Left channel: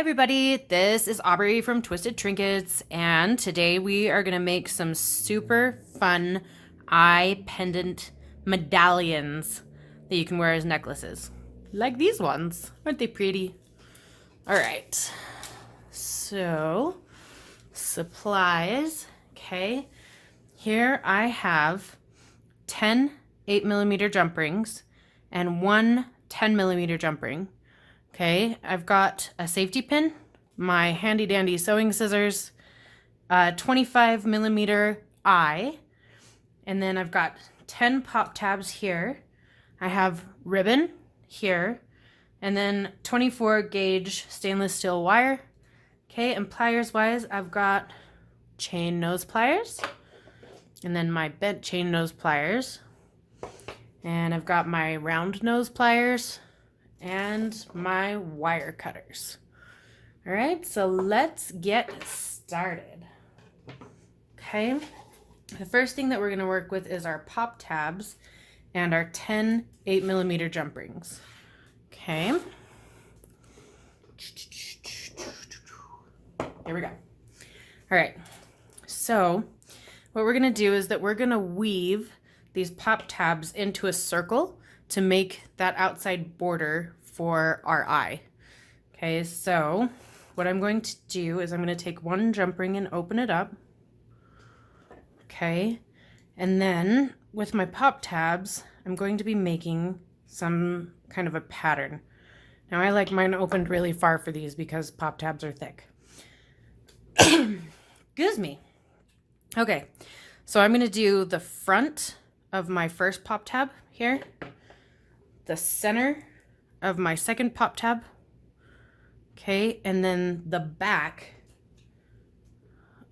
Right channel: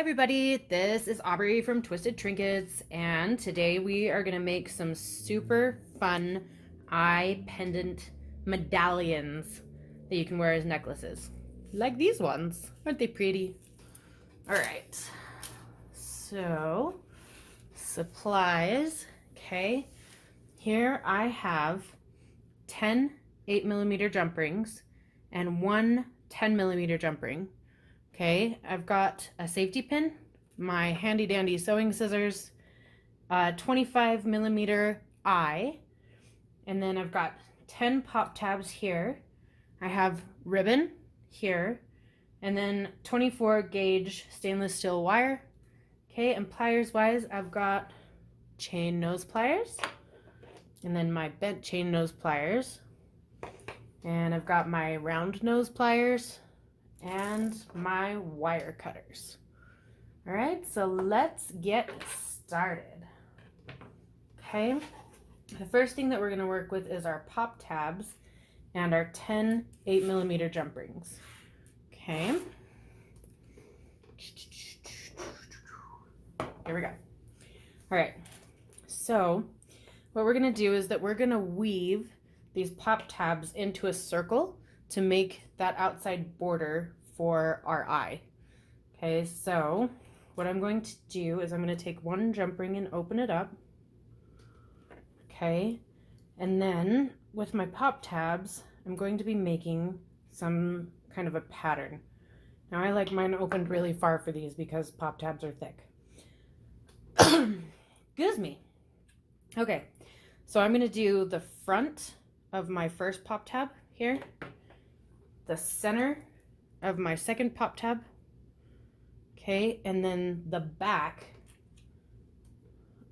everybody, this is Aubrey from Twisted Trinkets, and today we are going to make some super fun eye pendant medallions that you can wear as necklaces. Like these ones. Aren't they pretty? Alright, so supplies. Okay, here I have 10 8mm jump rings and one 10mm jump ring. Okay, I've got a safety pin, my handy dandy sewing scissors, a 25mm eye, and then I've got 10 pop tabs here. I have ribbon here, and then 24 gauge stainless steel wire. Okay, and pliers wise, I've got chain nose pliers, and then my bent chain nose pliers, and I've got my round nose pliers, and my wire cutters. All right, so let's get started. Okay, the first thing that we're going to work with is our pop tabs and our 10 8mm jump rings. Okay, here we go. All right, so what we're going to do is that we're going to weave these pop tabs into a circle to make that outside border for our eye. Okay, so what I'm going to do is I'm going to take one jump ring and open it up. Okay, and then with my pop tabs, I'm going to be making some kind of a pattern. Now I like mine opened really far for these because pop tabs are thick. Excuse me. Okay, so I'm going to do the front of my first pop tab here, the center of my second pop tab, okay, and then the back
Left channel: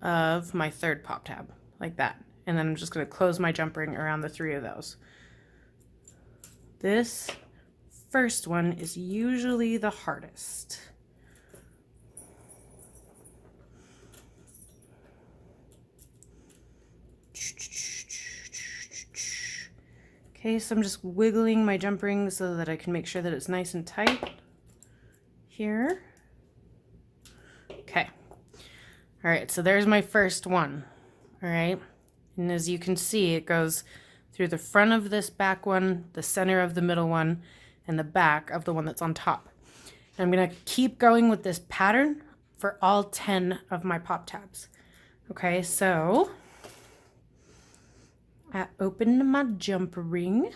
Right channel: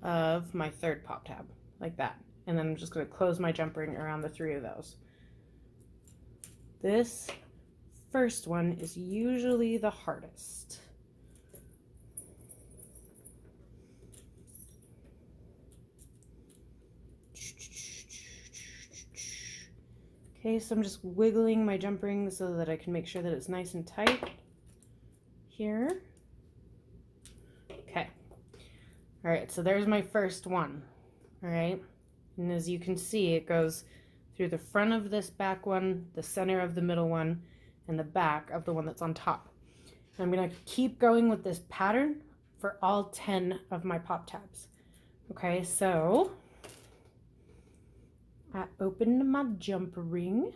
of my third pop tab, like that. And then I'm just going to close my jump ring around the three of those. This first one is usually the hardest. Okay, so I'm just wiggling my jump ring so that I can make sure that it's nice and tight here. Okay. All right, so there's my first one. All right, and as you can see, it goes through the front of this back one, the center of the middle one, and the back of the one that's on top. And I'm gonna keep going with this pattern for all 10 of my pop tabs. Okay, so I open my jump ring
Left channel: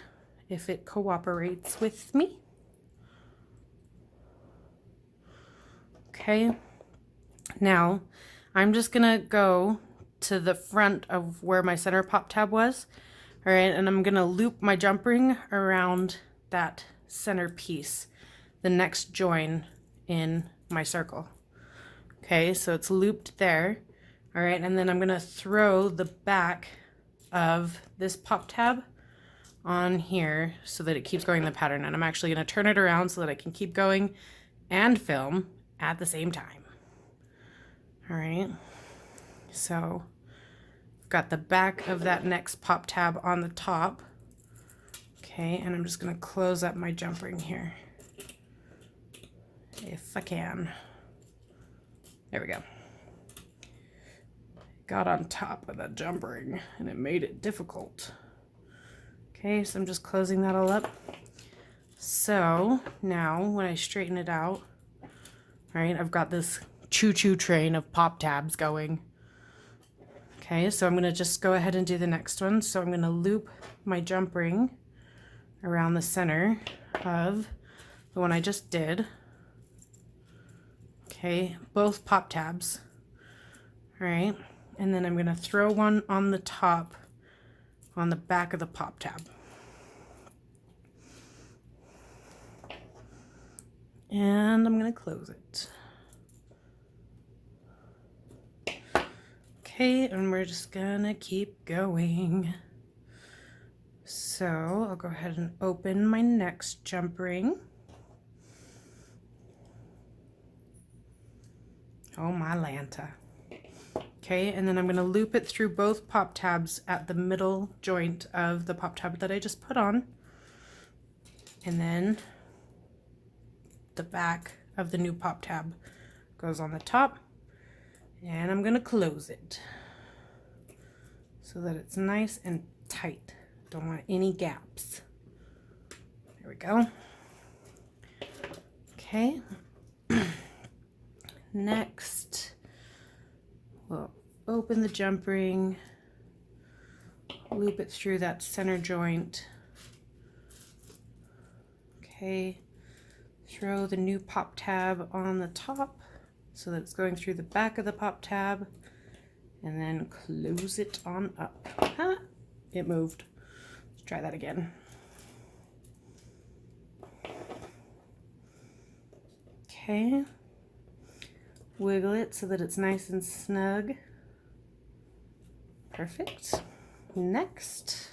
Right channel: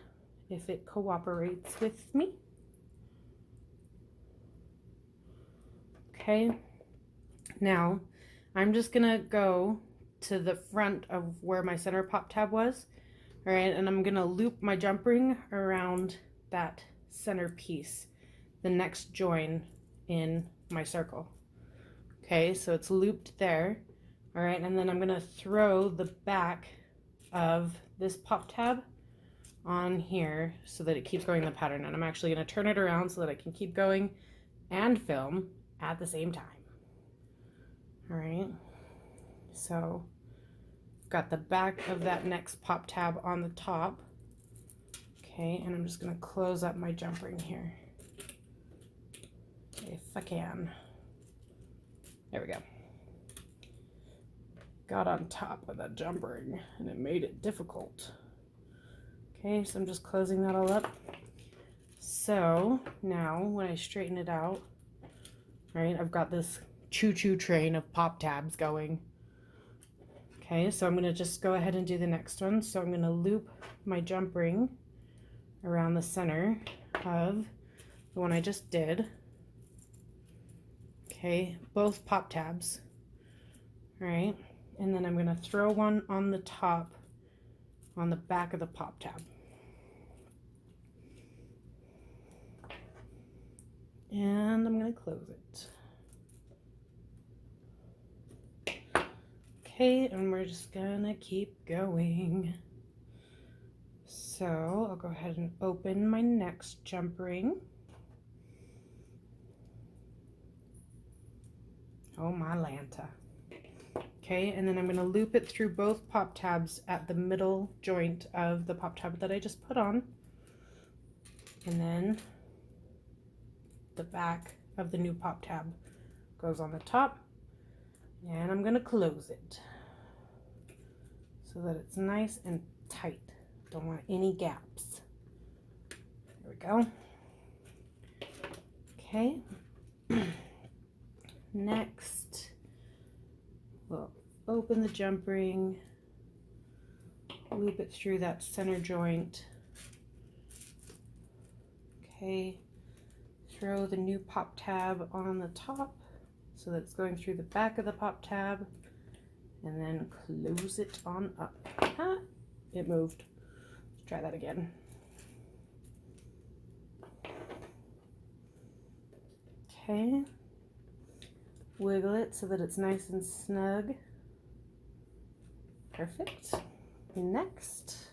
if it cooperates with me. Okay, now I'm just gonna go to the front of where my center pop tab was. All right, and I'm gonna loop my jump ring around that center piece, the next join in my circle. Okay, so it's looped there. All right, and then I'm gonna throw the back of this pop tab on here so that it keeps going the pattern, and I'm actually going to turn it around so that I can keep going and film at the same time. All right, so I've got the back of that next pop tab on the top. Okay, and I'm just going to close up my jump ring here if I can. There we go. Got on top of that jump ring and it made it difficult. Okay, so I'm just closing that all up. So now when I straighten it out, right, I've got this choo-choo train of pop tabs going. Okay, so I'm going to just go ahead and do the next one. So I'm going to loop my jump ring around the center of the one I just did. Okay, both pop tabs. All right. And then I'm going to throw one on the top, on the back of the pop tab. And I'm going to close it. Okay, and we're just going to keep going. So I'll go ahead and open my next jump ring. Oh, my Lanta. Okay, and then I'm going to loop it through both pop tabs at the middle joint of the pop tab that I just put on. And then the back of the new pop tab goes on the top, and I'm going to close it so that it's nice and tight. Don't want any gaps. There we go. Okay. Next, we'll open the jump ring, loop it through that center joint. Okay, throw the new pop tab on the top so that it's going through the back of the pop tab, and then close it on up. Ah, it moved. Let's try that again. Okay, wiggle it so that it's nice and snug. Perfect. Next,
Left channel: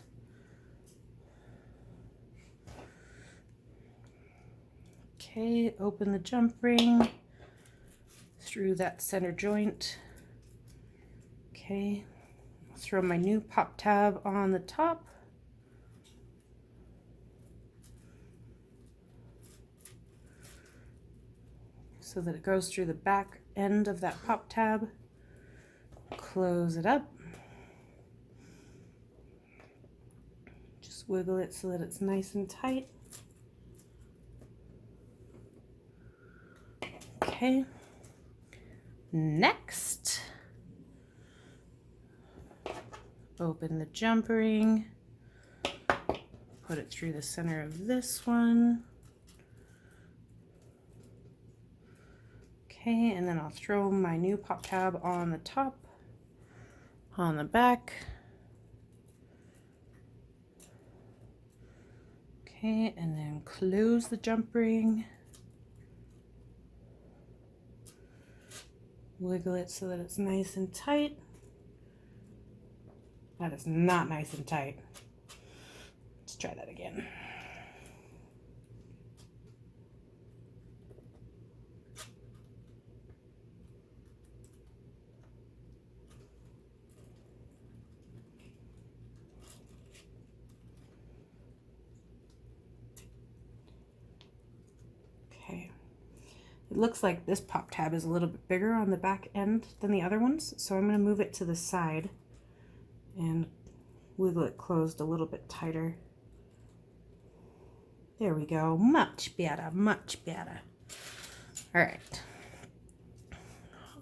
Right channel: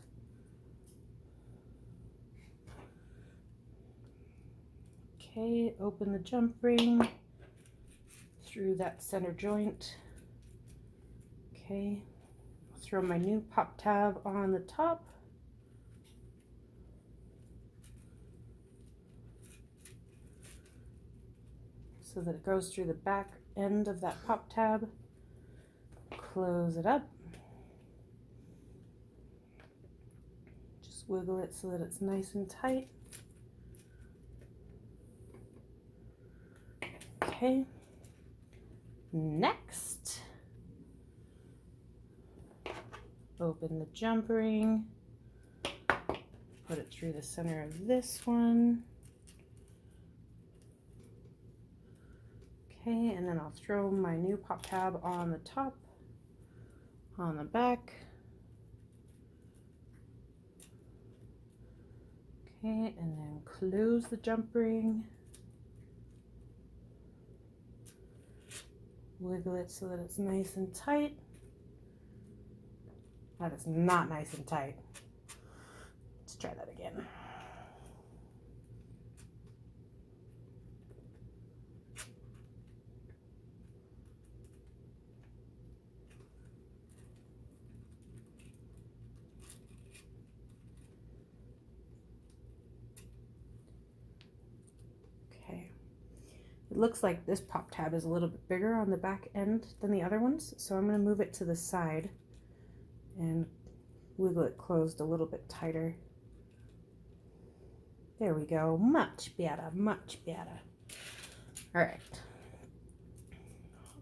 okay, open the jump ring through that center joint. Okay, throw my new pop tab on the top. So that it goes through the back end of that pop tab. Close it up. Just wiggle it so that it's nice and tight. Okay. Next, open the jump ring, put it through the center of this one. Okay, and then I'll throw my new pop tab on the top, on the back. Okay, and then close the jump ring. Wiggle it so that it's nice and tight. That is not nice and tight. Let's try that again. Okay. It looks like this pop tab is a little bit bigger on the back end than the other ones, so I'm going to move it to the side and wiggle it closed a little bit tighter. There we go. Much better, much better. All right.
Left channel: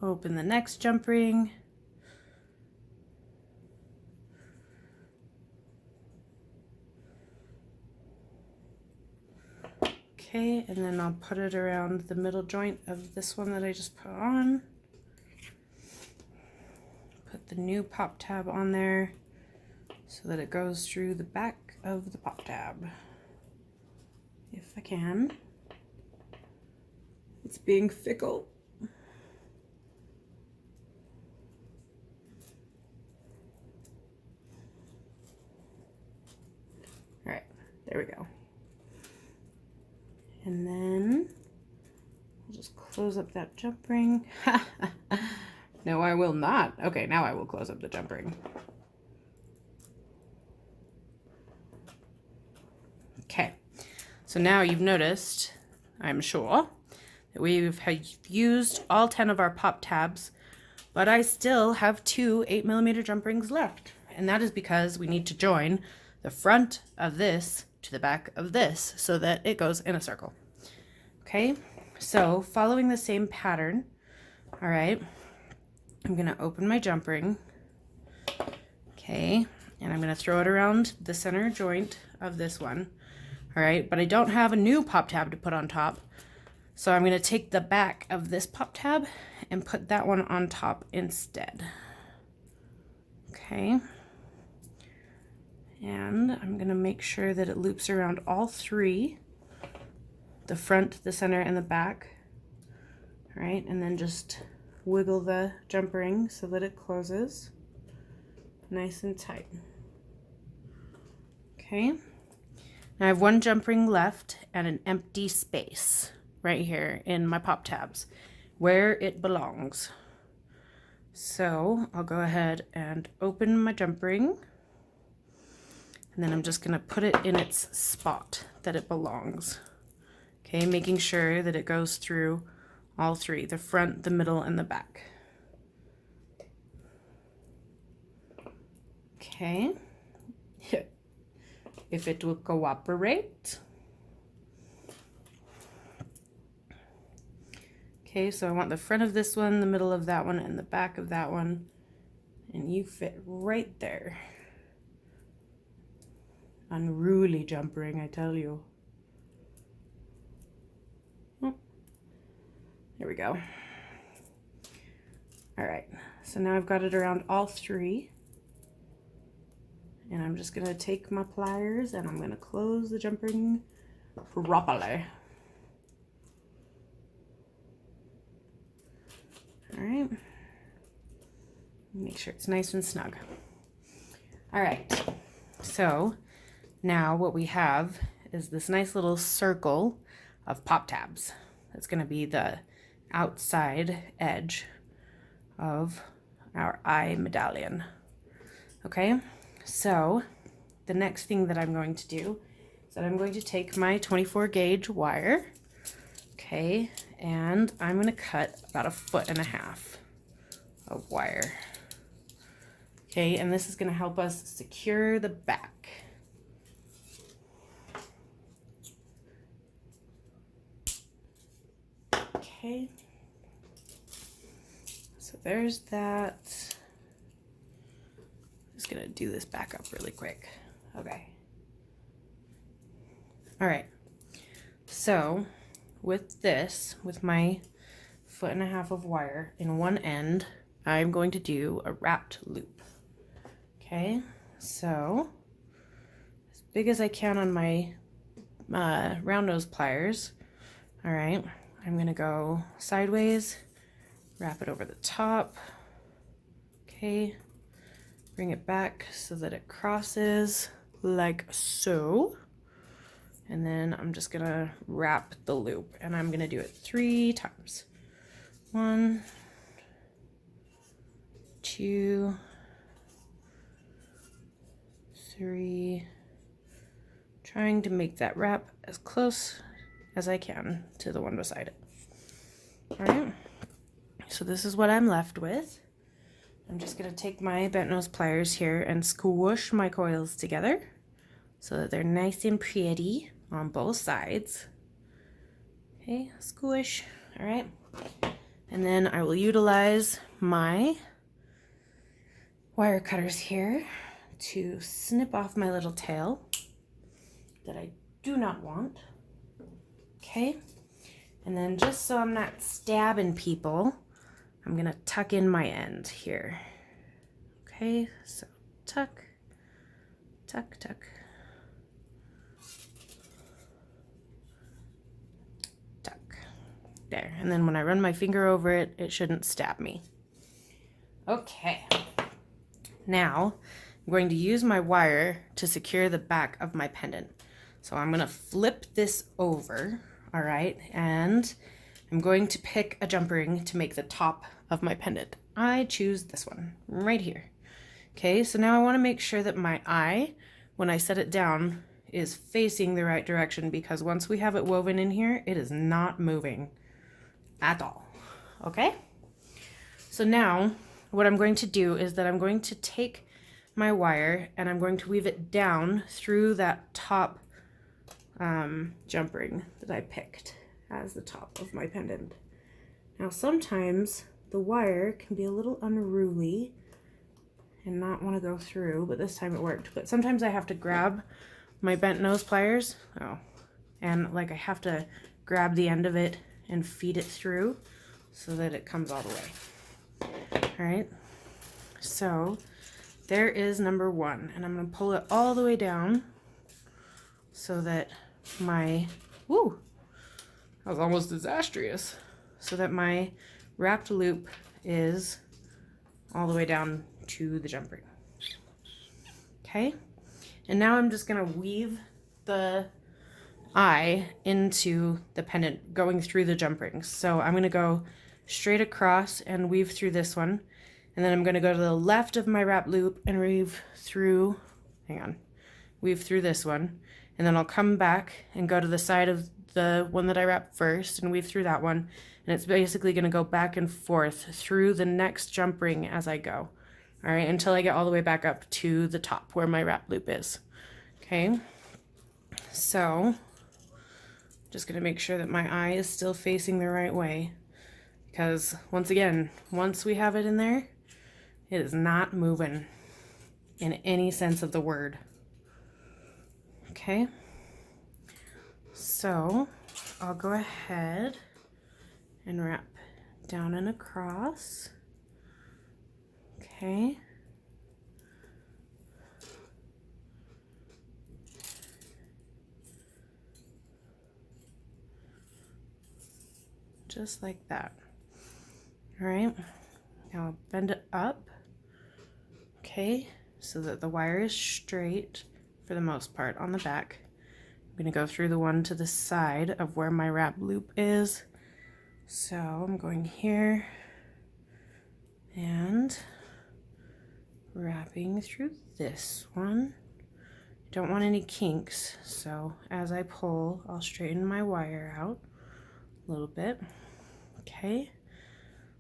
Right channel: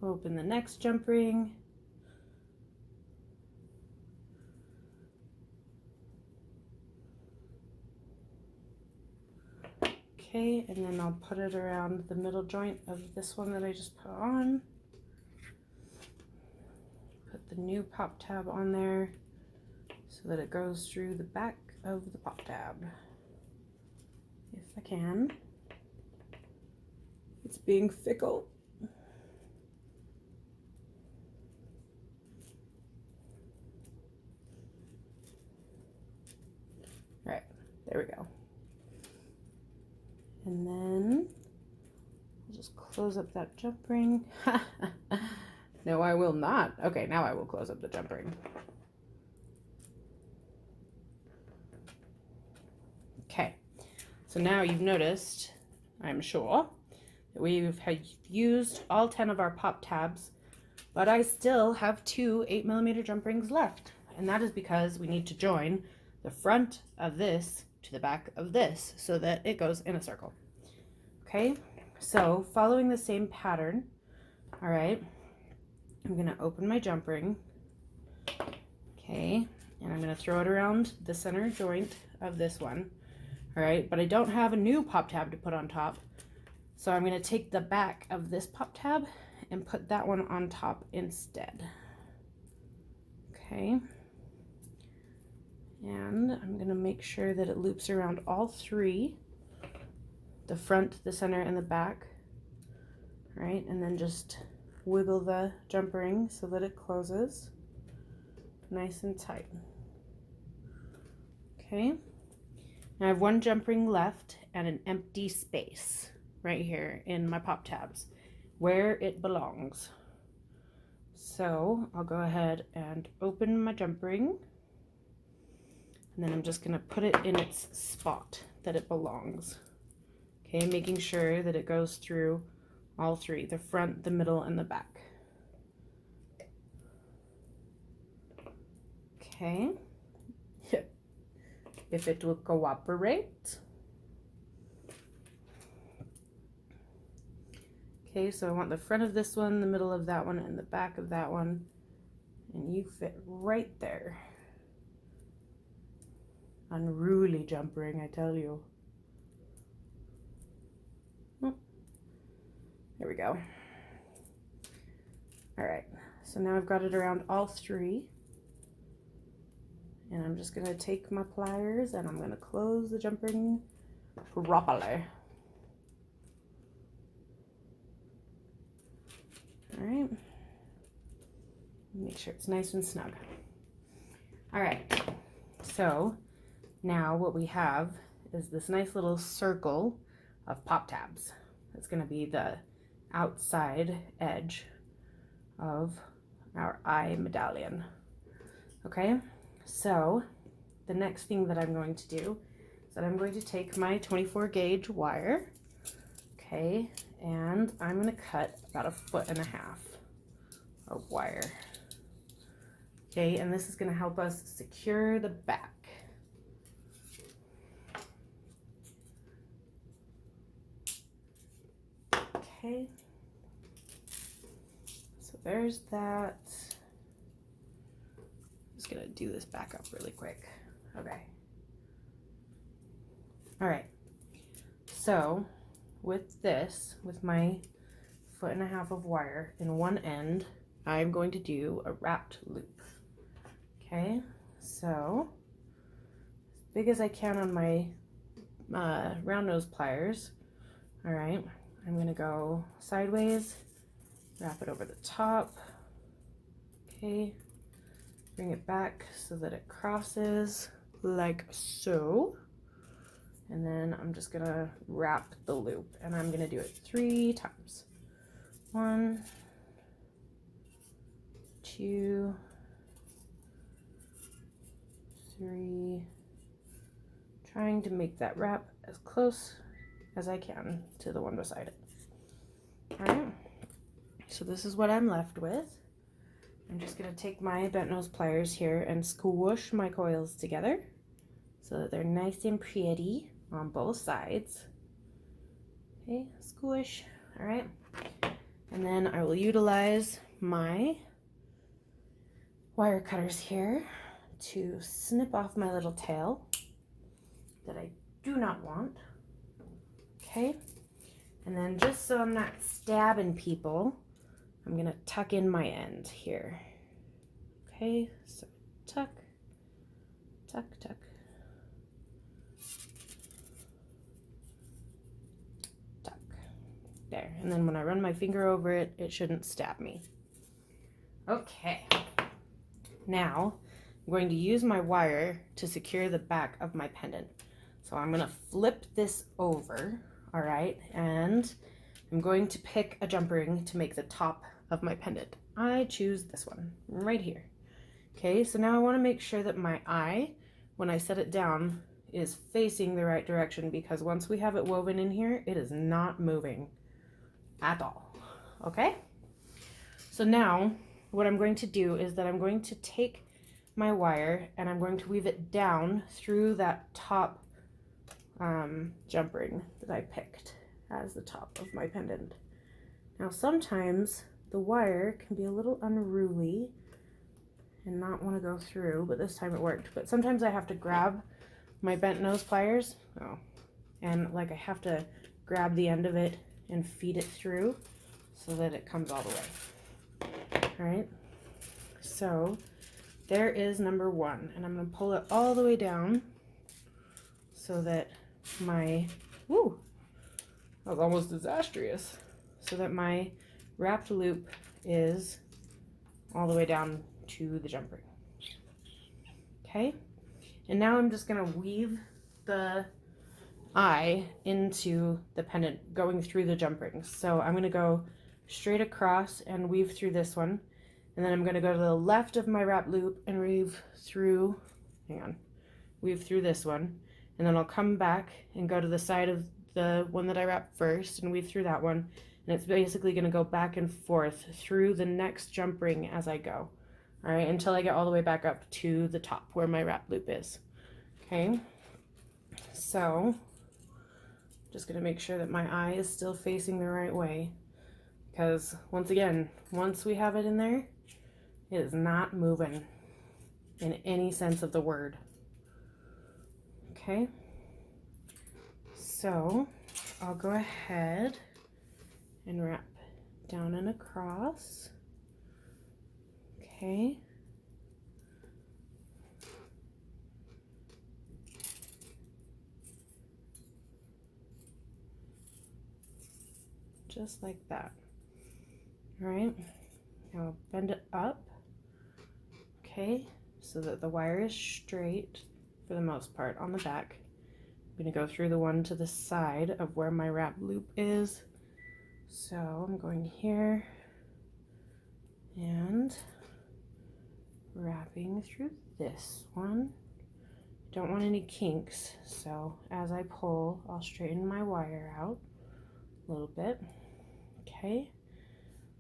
Open the next jump ring. Okay, and then I'll put it around the middle joint of this one that I just put on. Put the new pop tab on there so that it goes through the back of the pop tab. If I can. It's being fickle. All right, there we go. And then I'll just close up that jump ring. No, I will not. Okay, now I will close up the jump ring. Okay, so now you've noticed, I'm sure, that we've used all 10 of our pop tabs, but I still have 2 8mm jump rings left. And that is because we need to join the front of this to the back of this so that it goes in a circle. Okay, so following the same pattern, all right, I'm gonna open my jump ring, okay, and I'm gonna throw it around the center joint of this one, all right, but I don't have a new pop tab to put on top, so I'm gonna take the back of this pop tab and put that one on top instead. Okay. And I'm gonna make sure that it loops around all 3, the front, the center, and the back. All right, and then just wiggle the jump ring so that it closes nice and tight. Okay, now I have 1 jump ring left and an empty space right here in my pop tabs where it belongs. So I'll go ahead and open my jump ring. And then I'm just going to put it in its spot that it belongs. Okay, making sure that it goes through all three, the front, the middle, and the back. Okay, if it will cooperate. Okay, so I want the front of this one, the middle of that one, and the back of that one, and you fit right there. Unruly jump ring, I tell you. Oh, there we go. All right, so now I've got it around all three. And I'm just gonna take my pliers and I'm gonna close the jump ring properly. All right, make sure it's nice and snug. All right, so now what we have is this nice little circle of pop tabs. That's gonna be the outside edge of our eye medallion. Okay, so the next thing that I'm going to do is that I'm going to take my 24 gauge wire, okay, and I'm going to cut about 1.5 feet of wire. Okay, and this is going to help us secure the back. Okay, so there's that. Just gonna do this back up really quick. Okay. All right. So with this, with my 1.5 feet of wire in one end, I'm going to do a wrapped loop. Okay. So as big as I can on my round nose pliers. All right. I'm gonna go sideways, wrap it over the top. Okay. Bring it back so that it crosses like so. And then I'm just gonna wrap the loop and I'm gonna do it 3 times. 1, 2, 3. Trying to make that wrap as close as I can to the one beside it. All right, so this is what I'm left with. I'm just going to take my bent nose pliers here and squish my coils together so that they're nice and pretty on both sides. Okay, squish. All right. And then I will utilize my wire cutters here to snip off my little tail that I do not want. Okay. And then just so I'm not stabbing people, I'm gonna tuck in my end here. Okay, so tuck, tuck, tuck. Tuck. There, and then when I run my finger over it, it shouldn't stab me. Okay, now I'm going to use my wire to secure the back of my pendant. So I'm gonna flip this over, all right, and I'm going to pick a jump ring to make the top of my pendant. I choose this one right here. Okay, so now I want to make sure that my eye, when I set it down, is facing the right direction, because once we have it woven in here, it is not moving at all. Okay, so now what I'm going to do is that I'm going to take my wire and I'm going to weave it down through that top jump ring that I picked as the top of my pendant. Now sometimes the wire can be a little unruly and not want to go through, but this time it worked. But sometimes I have to grab my bent nose pliers, and like I have to grab the end of it and feed it through so that it comes all the way. All right, so there is number 1, and I'm going to pull it all the way down so that my, woo, that was almost disastrous, so that my wrapped loop is all the way down to the jump ring. Okay, and now I'm just gonna weave the eye into the pendant going through the jump rings. So I'm gonna go straight across and weave through this one, and then I'm gonna go to the left of my wrap loop and weave through, weave through this one, and then I'll come back and go to the side of the one that I wrapped first and weave through that one, And it's basically going to go back and forth through the next jump ring as I go. All right, until I get all the way back up to the top where my wrap loop is. Okay, so just going to make sure that my eye is still facing the right way, because once again, once we have it in there, it is not moving in any sense of the word. Okay, so I'll go ahead and wrap down and across. Okay. Just like that. All right, now I'll bend it up, okay, so that the wire is straight for the most part on the back. I'm gonna go through the one to the side of where my wrap loop is. So I'm going here and wrapping through this one. Don't want any kinks, so as I pull, I'll straighten my wire out a little bit. Okay,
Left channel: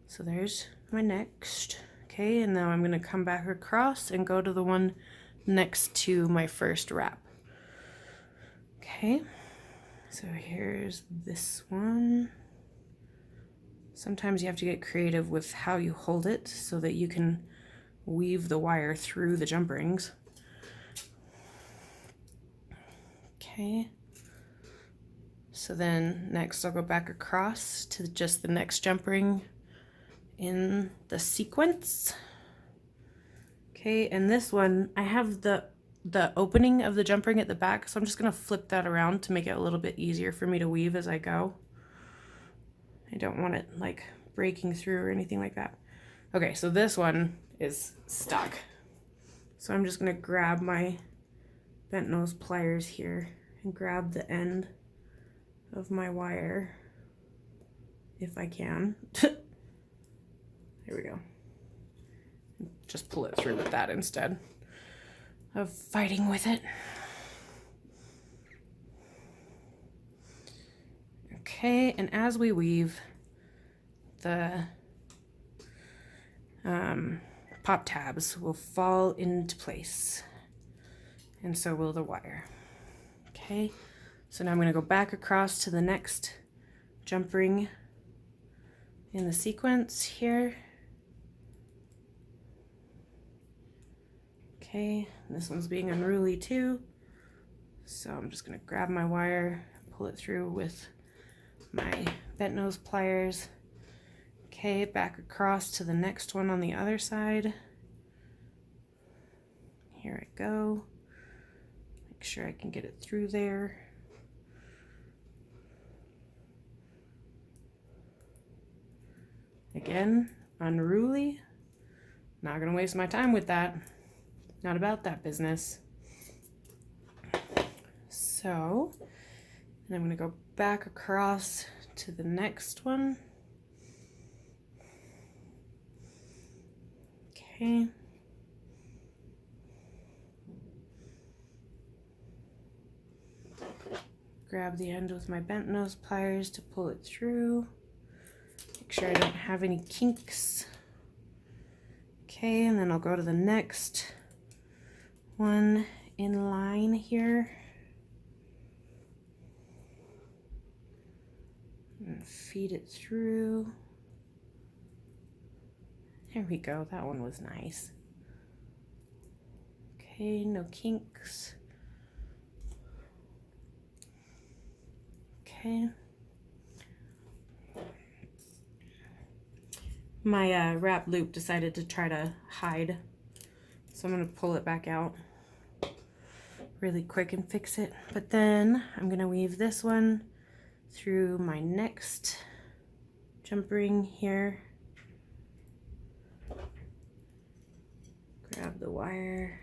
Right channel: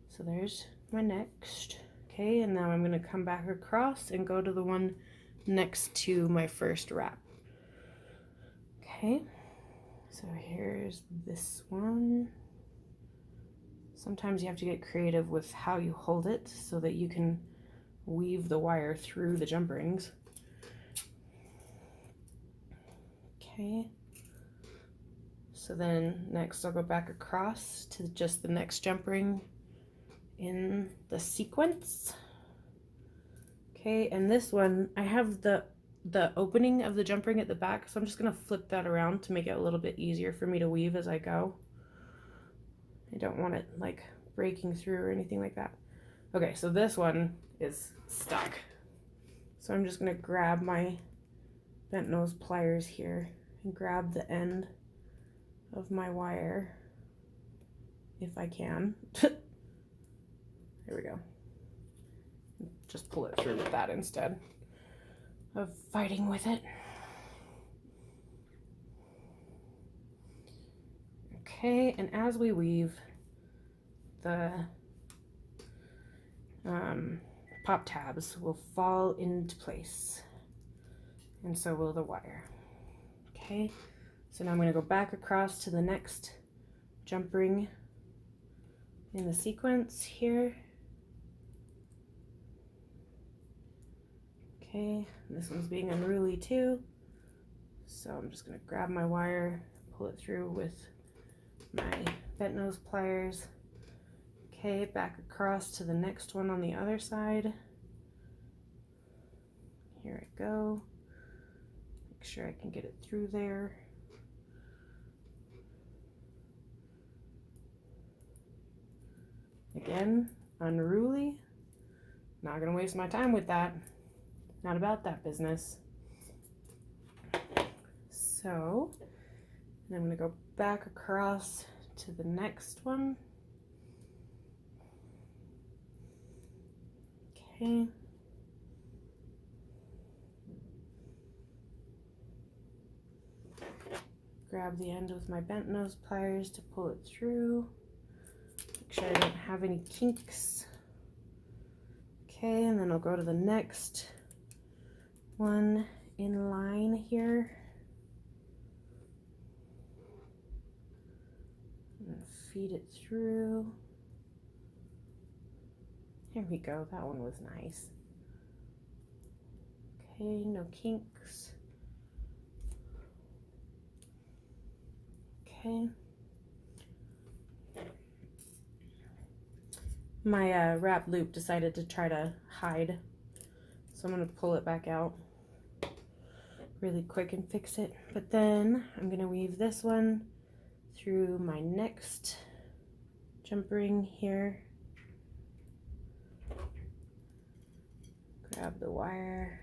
so there's my next. Okay, and now I'm going to come back across and go to the one next to my first wrap. Okay, so here's this one. Sometimes you have to get creative with how you hold it so that you can weave the wire through the jump rings. Okay, so then next I'll go back across to just the next jump ring in the sequence. Okay, and this one, I have the opening of the jump ring at the back, so I'm just gonna flip that around to make it a little bit easier for me to weave as I go. I don't want it like breaking through or anything like that. Okay, so this one is stuck. So I'm just gonna grab my bent nose pliers here and grab the end of my wire if I can. There we go. Just pull it through with that instead of fighting with it. Okay, and as we weave, the pop tabs will fall into place, and so will the wire. Okay, so now I'm going to go back across to the next jump ring in the sequence here. Okay, this one's being unruly too, so I'm just going to grab my wire, pull it through with my bent nose pliers. Okay, back across to the next one on the other side. Here I go. Make sure I can get it through there. Again, unruly. Not gonna waste my time with that. Not about that business. So, and I'm gonna go back across to the next one. Okay. Grab the end with my bent nose pliers to pull it through. Make sure I don't have any kinks. Okay, and then I'll go to the next one in line here. And feed it through. There we go, that one was nice. Okay, no kinks. Okay. My wrap loop decided to try to hide, so I'm going to pull it back out really quick and fix it. But then I'm going to weave this one through my next jump ring here. Grab the wire.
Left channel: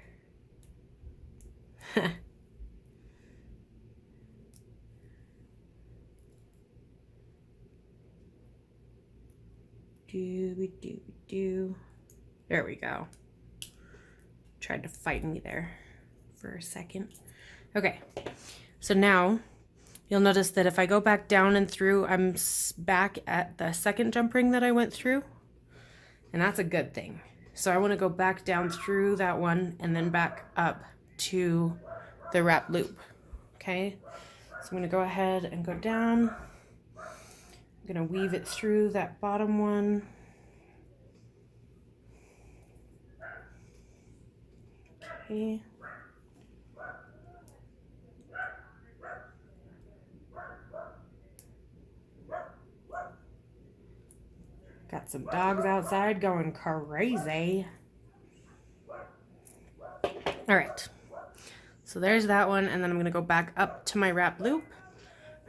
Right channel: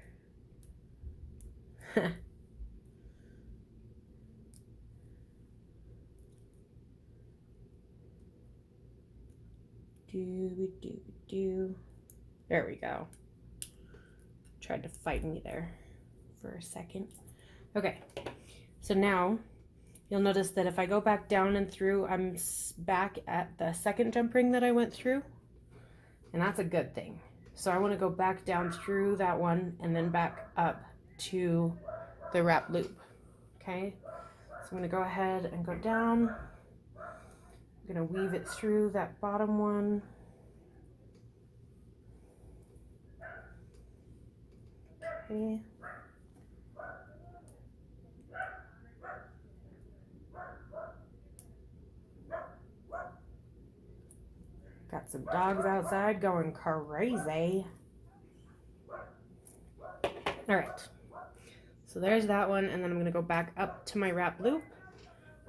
Do. There we go. Tried to fight me there for a second. Okay, so now You'll notice that if I go back down and through, I'm back at the second jump ring that I went through, and that's a good thing. So I want to go back down through that one and then back up to the wrap loop. Okay, so I'm going to go ahead and go down. I'm going to weave it through that bottom one. Okay. Got some dogs outside going crazy. All right, so there's that one, and then I'm going to go back up to my wrap loop.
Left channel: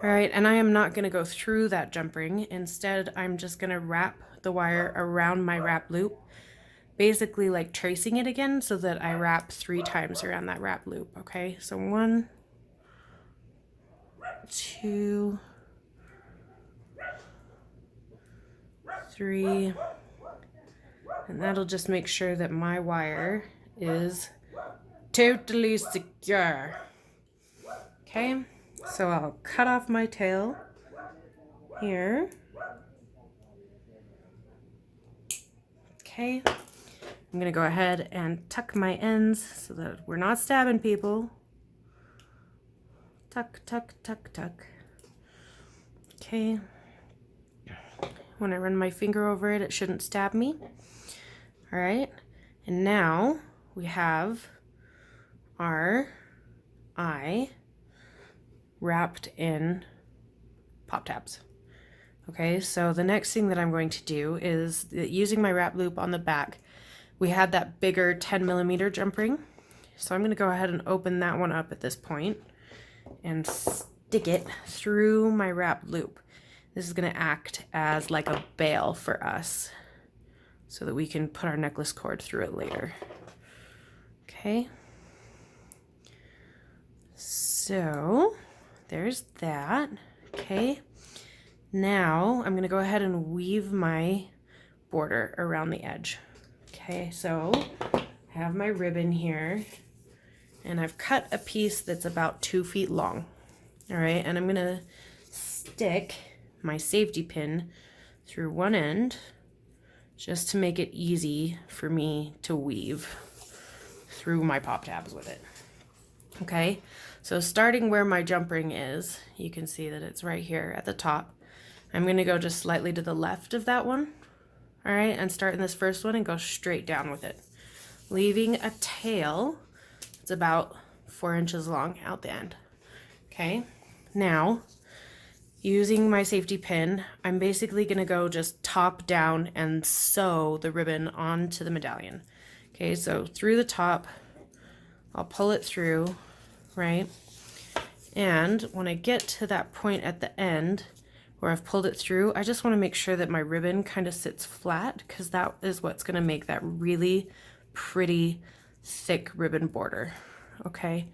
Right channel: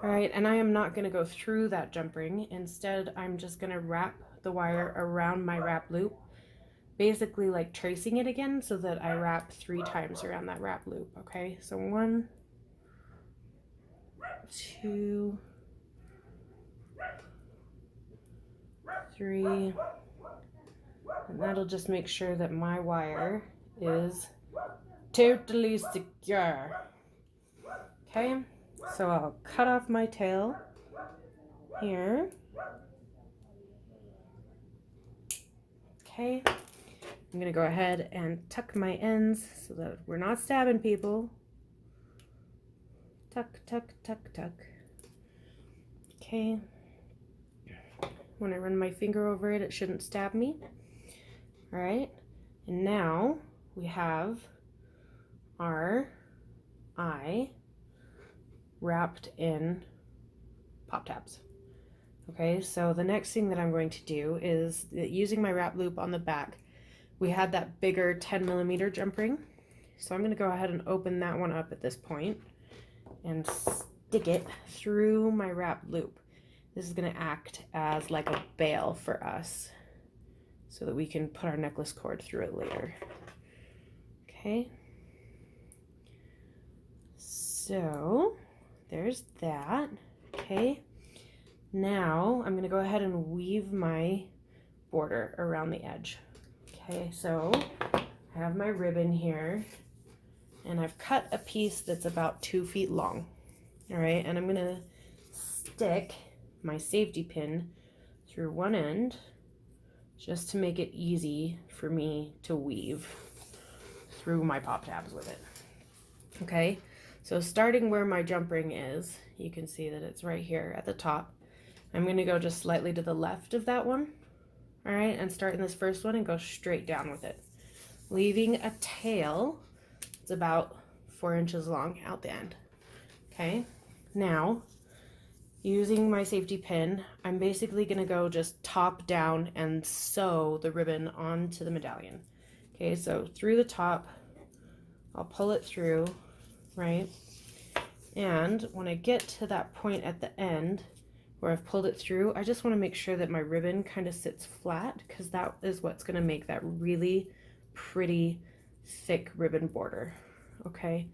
All right, and I am not going to go through that jump ring. Instead, I'm just going to wrap the wire around my wrap loop, basically like tracing it again so that I wrap 3 times around that wrap loop. Okay, so 1, 2, 3, and that'll just make sure that my wire is totally secure. Okay, so I'll cut off my tail here. Okay, I'm gonna go ahead and tuck my ends so that we're not stabbing people. Tuck, tuck, tuck, tuck. Okay. When I run my finger over it, it shouldn't stab me. All right, and now we have our eye wrapped in pop tabs. Okay, so the next thing that I'm going to do is using my wrap loop on the back. We had that bigger 10mm jump ring, so I'm going to go ahead and open that one up at this point and stick it through my wrap loop. This is going to act as like a bail for us so that we can put our necklace cord through it later. Okay. So there's that. Okay. Now I'm going to go ahead and weave my border around the edge. Okay, so I have my ribbon here and I've cut a piece that's about 2 feet long. All right, and I'm going to stick my safety pin through one end just to make it easy for me to weave through my pop tabs with it. Okay, so starting where my jump ring is, you can see that it's right here at the top. I'm going to go just slightly to the left of that one. All right, and start in this first one and go straight down with it, leaving a tail that's about 4 inches long out the end. Okay, now using my safety pin, I'm basically going to go just top down and sew the ribbon onto the medallion. Okay, so through the top, I'll pull it through, right? And when I get to that point at the end where I've pulled it through, I just want to make sure that my ribbon kind of sits flat, because that is what's going to make that really pretty thick ribbon border. Okay,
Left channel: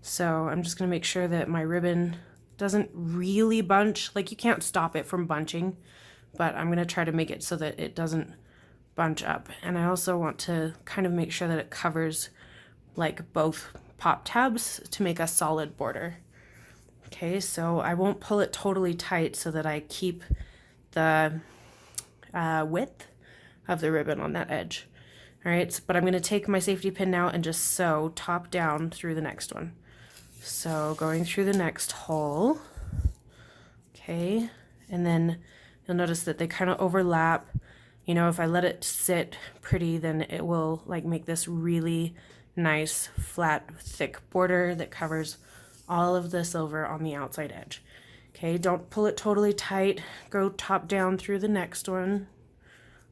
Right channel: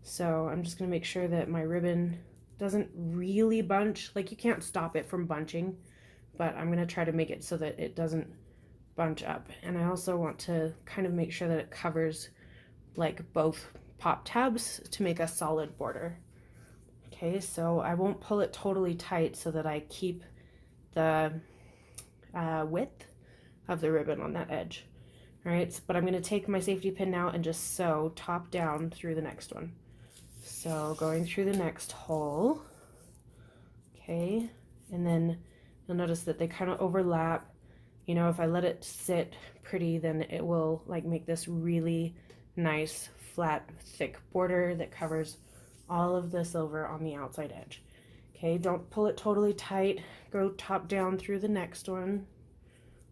so I'm just going to make sure that my ribbon doesn't really bunch. Like, you can't stop it from bunching, but I'm going to try to make it so that it doesn't bunch up. And I also want to kind of make sure that it covers like both pop tabs to make a solid border. Okay, so I won't pull it totally tight so that I keep the width of the ribbon on that edge. All right, but I'm going to take my safety pin now and just sew top down through the next one. So going through the next hole, okay, and then you'll notice that they kind of overlap. You know, if I let it sit pretty, then it will like make this really nice, flat, thick border that covers all of the silver on the outside edge. Okay, don't pull it totally tight. Go top down through the next one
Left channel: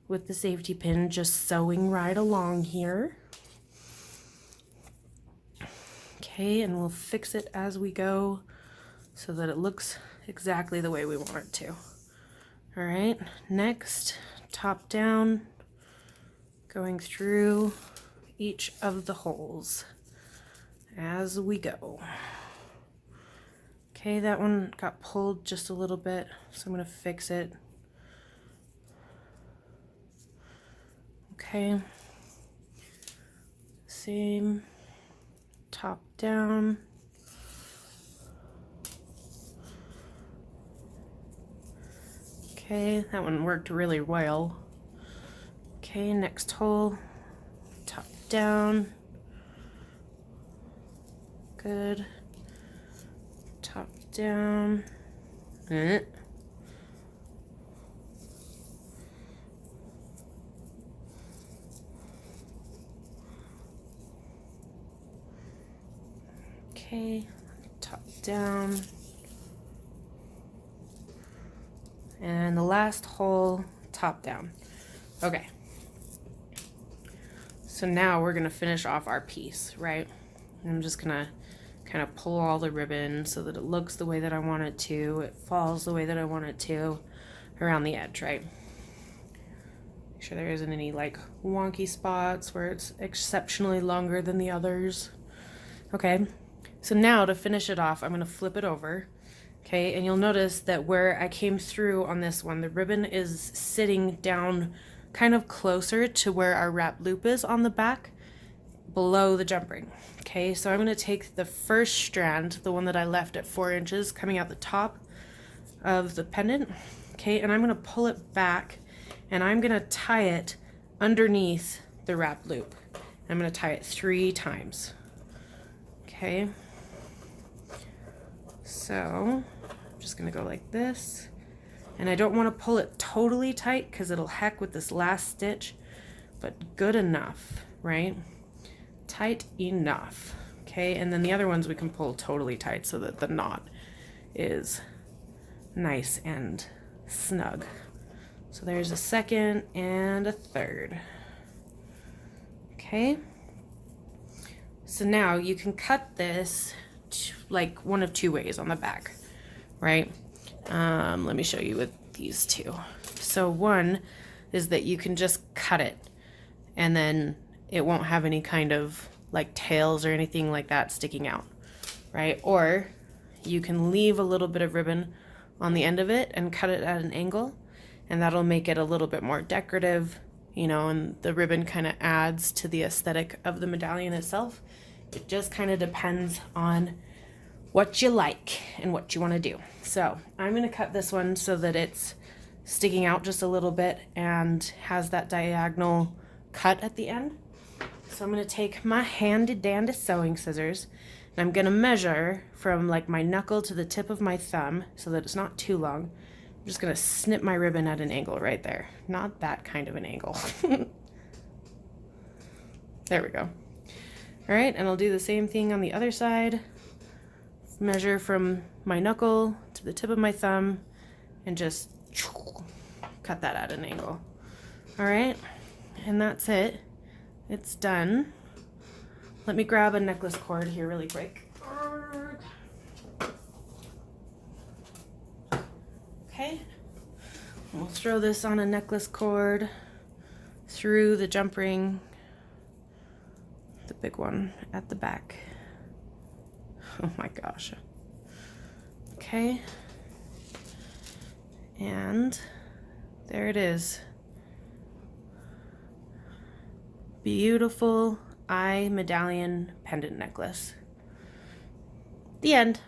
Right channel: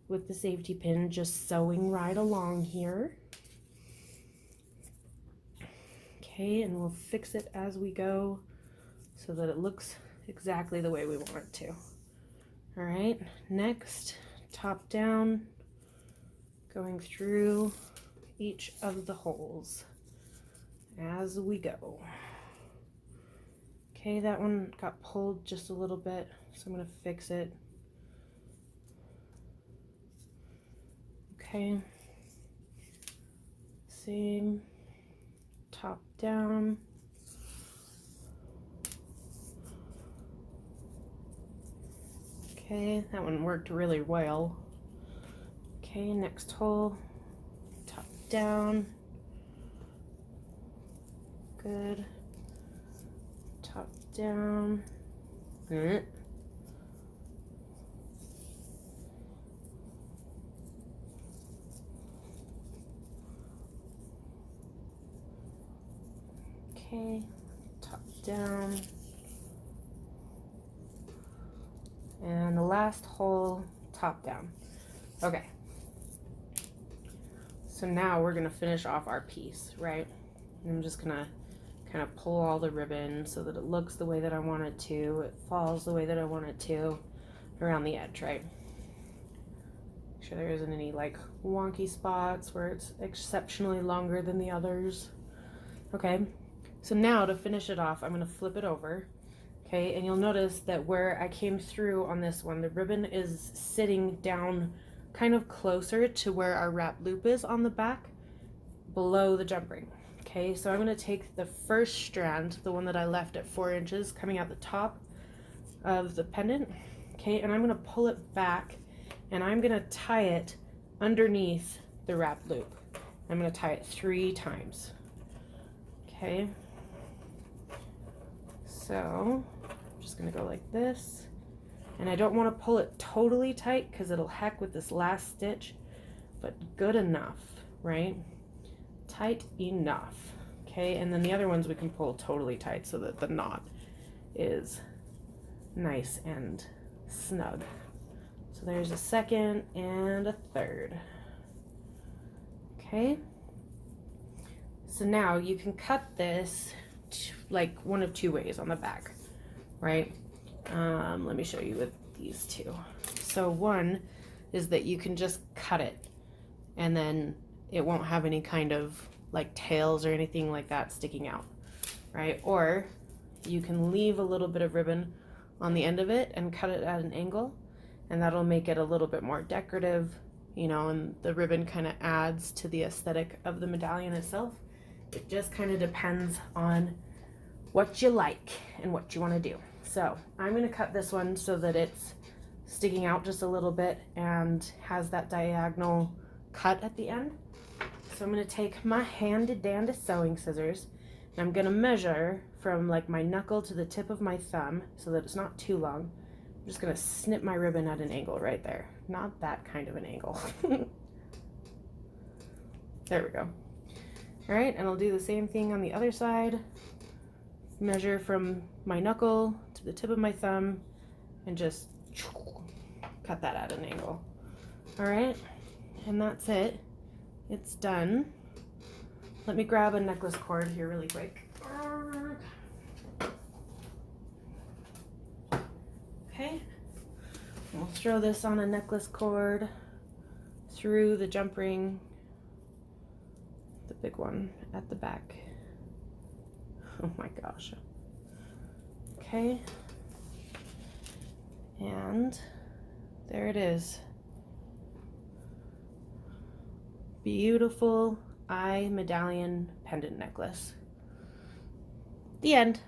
with the safety pin, just sewing right along here. Okay, and we'll fix it as we go so that it looks exactly the way we want it to. All right, next, top down, going through each of the holes as we go. Okay, that one got pulled just a little bit, so I'm going to fix it. Okay, same, top down. Okay, that one worked really well. Okay, next hole, top down. Good. Top down. Okay, top down. And the last hole, top down. Okay. So now we're gonna finish off our piece, right? I'm just gonna kind of pull all the ribbon so that it looks the way that I want it to, it falls the way that I want it to around the edge, right? Make sure there isn't any like wonky spots where it's exceptionally longer than the others. Okay, so now to finish it off, I'm gonna flip it over. Okay, and you'll notice that where I came through on this one, the ribbon is sitting down kind of closer to where our wrap loop is on the back, below the jump ring. Okay, so I'm going to take the first strand, the one that I left at 4 inches coming out the top of the pendant, okay, and I'm going to pull it back and I'm going to tie it underneath the wrap loop. I'm going to tie it 3 times. Okay, so I'm just going to go like this, and I don't want to pull it totally tight because it'll heck with this last stitch, but good enough, right? Tight enough. Okay, and then the other ones we can pull totally tight so that the knot is nice and snug. So there's a second and a third. Okay, so now you can cut this like one of 2 ways on the back, right? Let me show you with these two. So one is that you can just cut it and then it won't have any kind of like tails or anything like that sticking out, right? Or you can leave a little bit of ribbon on the end of it and cut it at an angle, and that'll make it a little bit more decorative, you know, and the ribbon kind of adds to the aesthetic of the medallion itself. It just kind of depends on what you like and what you want to do. So I'm going to cut this one so that it's sticking out just a little bit and has that diagonal cut at the end. So I'm going to take my handy dandy sewing scissors and I'm going to measure from like my knuckle to the tip of my thumb so that it's not too long. I'm just going to snip my ribbon at an angle right there. Not that kind of an angle. There we go. All right, and I'll do the same thing on the other side. Measure from my knuckle to the tip of my thumb and just cut that at an angle. All right, and that's it. It's done. Let me grab a necklace cord here really quick. Okay, we'll throw this on a necklace cord through the jump ring, the big one at the back. Oh my gosh. Okay, and there it is. Beautiful Eye Medallion Pendant Necklace. The end.